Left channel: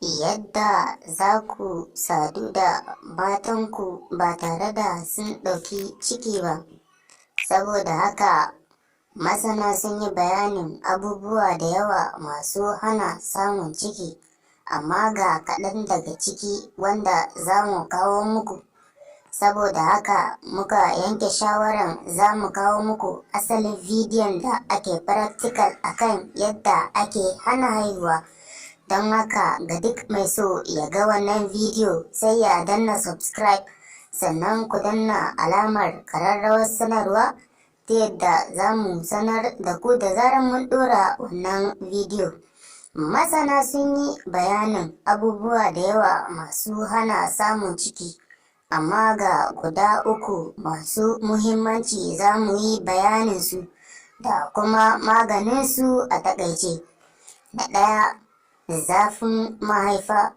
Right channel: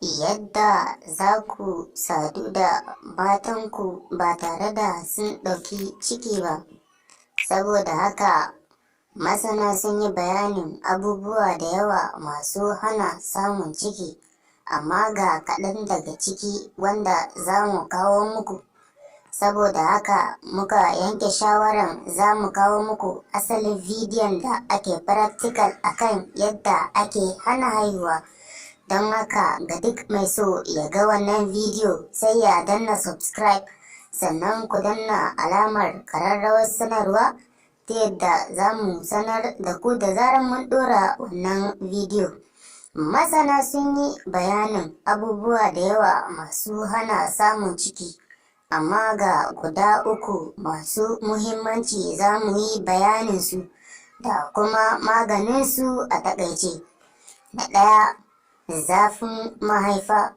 yadda za ku sadu da matanku ba tare da sun ɗauki ciki ba. Saboda haka masana sun yi bayanin abubuwa da yawa masu hana samun ciki, amma ga kaɗan daga ciki wanda za mu kawo muku. Saboda haka muka yanke shawaran za mu kawo muku asalin bidiyon da ake practical akan yadda ake hana haihuwa. Don haka ga duk mai so ya ga wannan bidiyo sai ya danna subscribe, sannan ku danna alamar ƙararrawar sanarwa ta yadda za mu sanar da ku da zarar mun ɗora wannan bidiyo. Masana sun yi bayanin abubuwa da yawa masu hana samun ciki, amma ga guda uku masu muhimmanci za mu yi bayaninsu da kuma maganinsu a taƙaice. Na ɗaya, zafin mahaifa.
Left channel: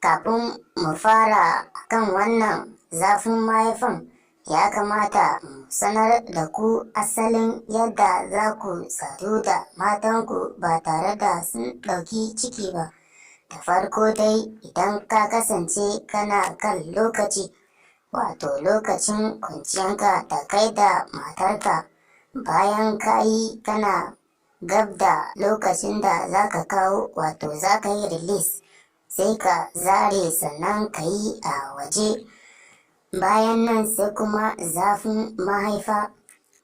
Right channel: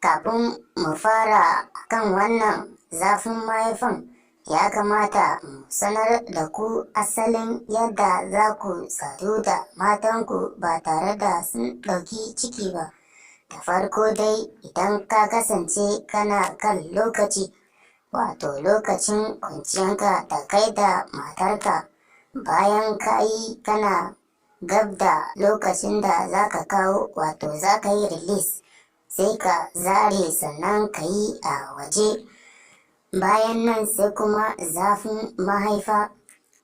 Kafin mu fara kan wannan zafin mahaifan, ya kamata mu sanar da ku asalin yadda za ku sadu da matanku ba tare da sun ɗauki ciki ba. Da farko dai, idan ka kasance kana kan lokaci, wato lokacin kwanciyanka da kai da matarka, bayan ka yi kana gab da lokacin da za ka kawo, wato za ka yi release, sai ka zare sannan ka yi a waje. Bayan nan sai kuma zafin mahaifa.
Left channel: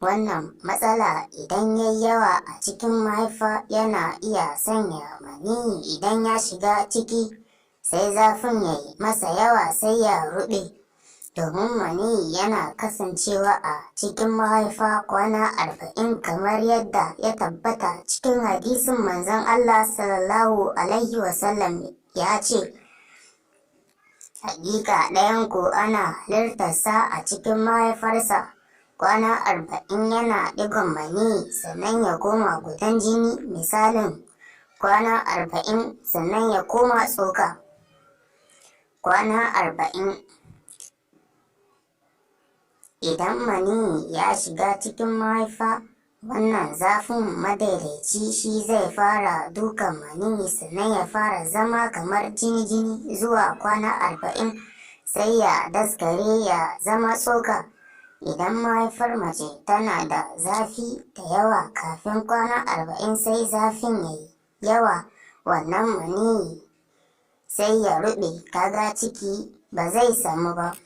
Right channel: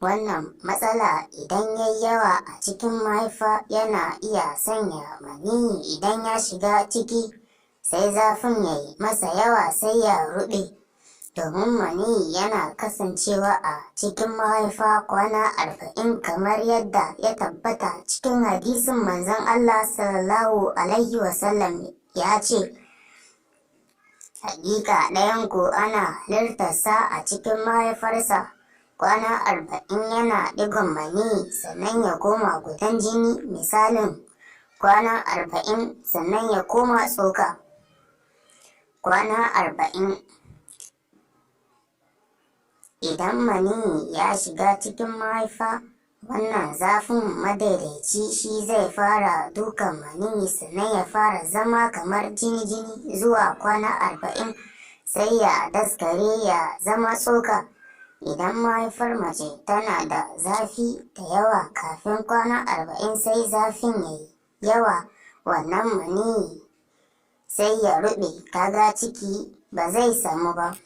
Wannan matsala idan ya yi yawa a cikin mahaifa yana iya sanya maniyyi idan ya shiga ciki, sai zafin ya yi masa yawa sai ya ruɓe. Domin maniyyi yana kasancewa a cikin mahaifa kwana 40 kamar yadda ya tabbata cikin hadisin manzon Allah sallallahu alaihi wasallam ya ce, hakika ɗayanku ana halittarsa a cikin mahaifarsa kwana 40 yana ɗigon maniyyi, sannan ya koma gudan jini misalin kwana 40, sannan ya koma tsoka kwana 40. Idan maniyyi ya shiga cikin mahaifa, wannan zafin madaidaici shi zai fara dukan maniyyi, sannan ya fara zama kamar jini-jini zuwa kwana 40, sai ya daskare ya zama tsoka. Idan mahaifar mace tana da zafi da yawa kafin kwana 40, sai zafin ya yi yawa, wannan maniyyi sai ya ruɓe, kaga ciki ba zai samu ba.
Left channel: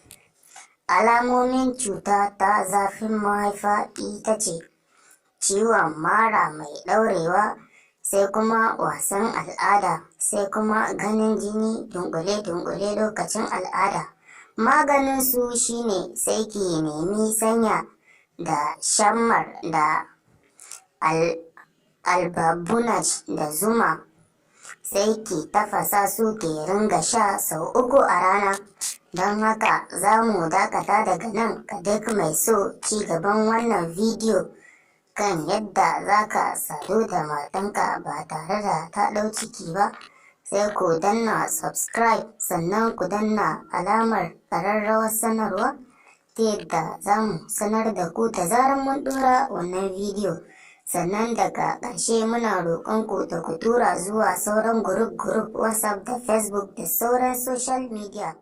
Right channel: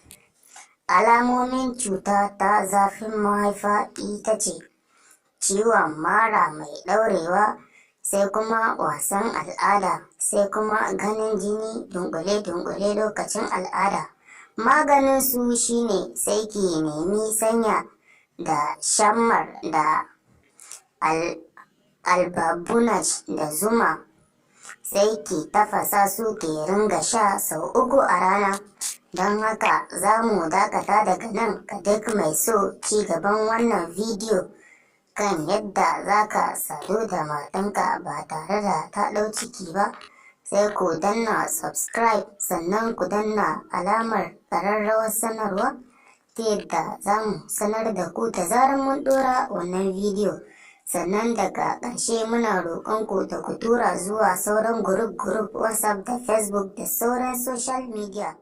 Alamomin cuta ta zafin mahaifa ita ce ciwon mara mai ɗaurewa, sai kuma wasan al'ada, sai kuma ganin jini dunkule-dunkule lokacin al'ada. Maganin su shine sai ki nemi sanya da shammar da albabunaj da zuma, sai ki tafasa su ki ringa sha sau 3 a rana. Don haka za mu dakata daga nan. Ga duk mai so ci gaban wannan bidiyo kan yadda za ka sadu da matanka ba tare da ta ɗau ciki ba, sai ku danna subscribe, sannan ku danna alamar ƙararrawar sanarwa ta yadda za mu sanar da ku da zarar mun ɗora wannan bidiyo. Sannan daga ƙarshe muna roƙonku da ku tura zuwa sauran group WhatsApp da Facebook da sauran social media.